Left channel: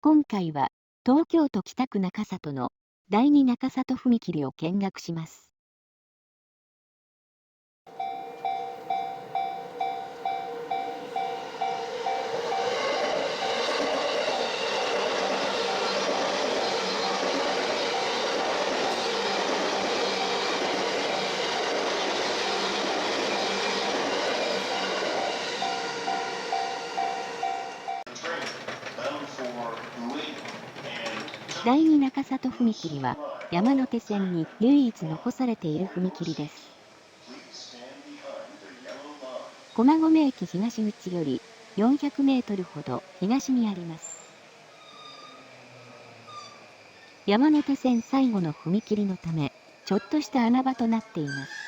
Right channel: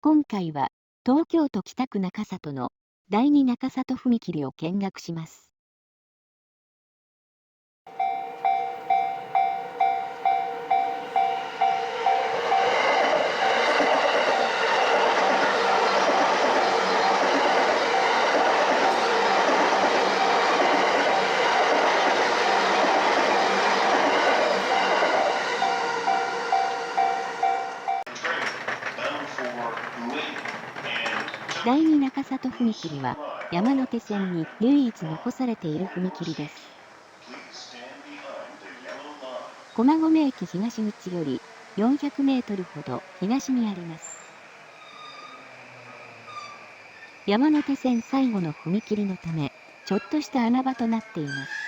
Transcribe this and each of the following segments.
今回は東京都北区中里の第二中里踏切を見学します。第二中里踏切は山手線に唯一残されている踏切です。駒込駅東口より400メートルほど東にあります。山手線最後の踏切のため、ちょっとした穴場となっています。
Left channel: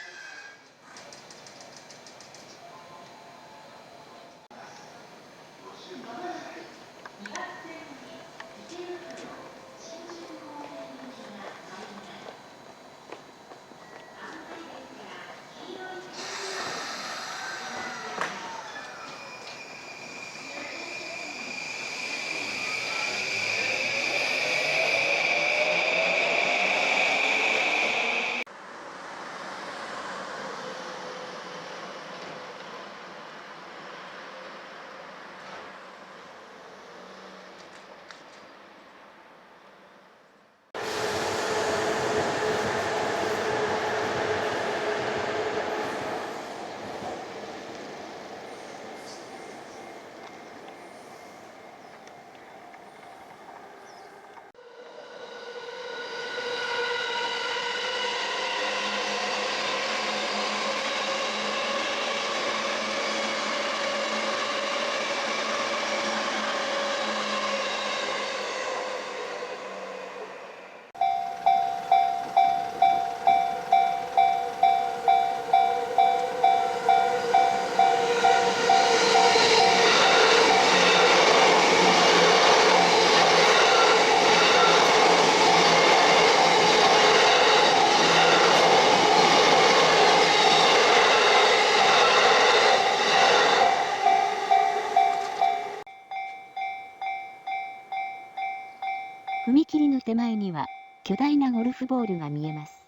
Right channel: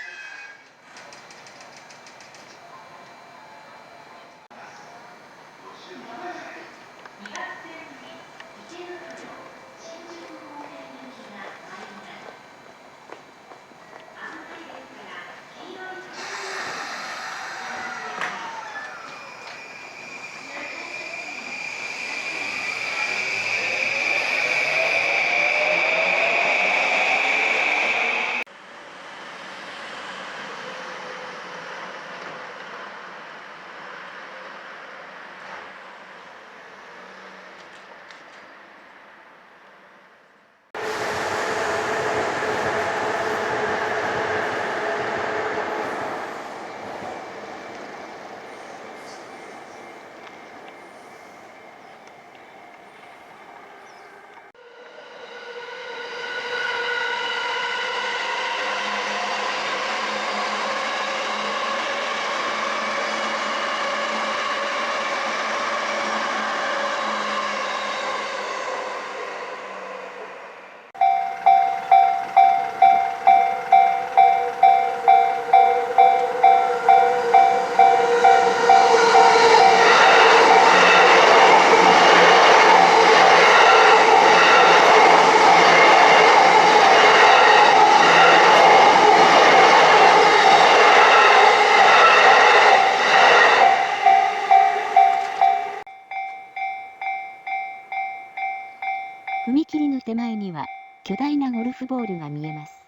踏切の手前には巨大なゴルフボールが見えます。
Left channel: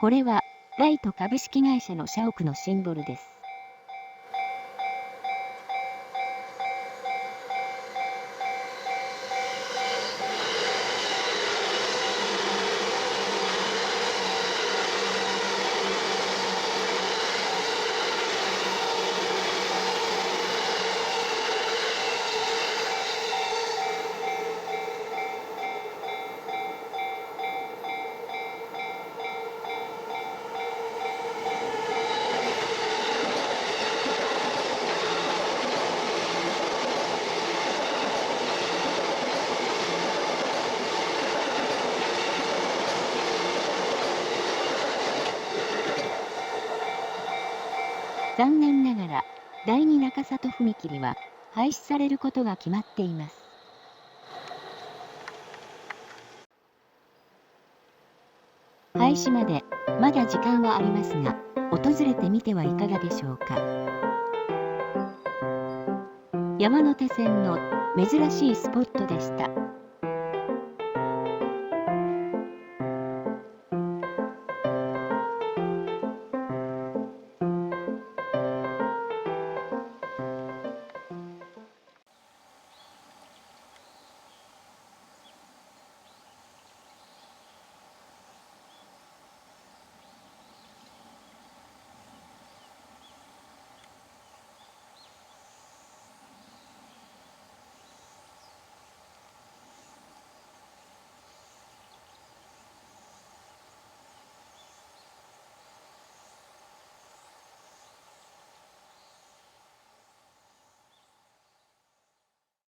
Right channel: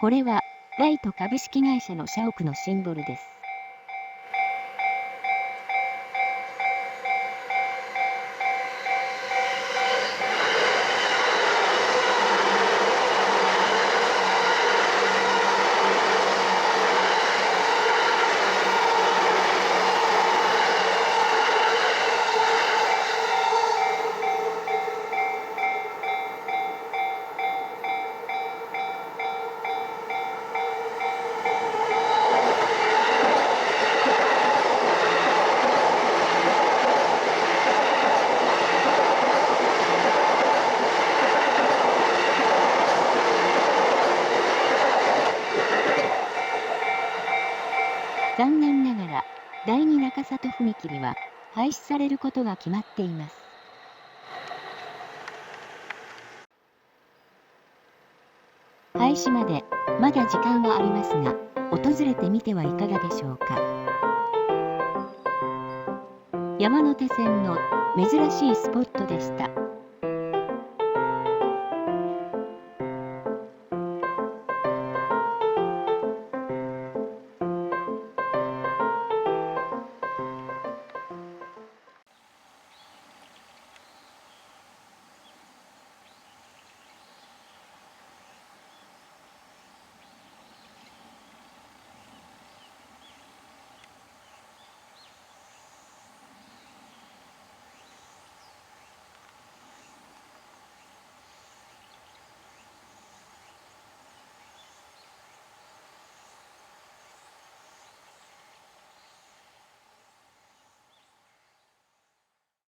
これはライト株式会社の社屋のシンボルです。残念ながら第二中里踏切は廃止されることが決まっています。廃止までまだ時間はありますが、訪れてみてはいかがでしょうか。山手線の珍しいスポットでした。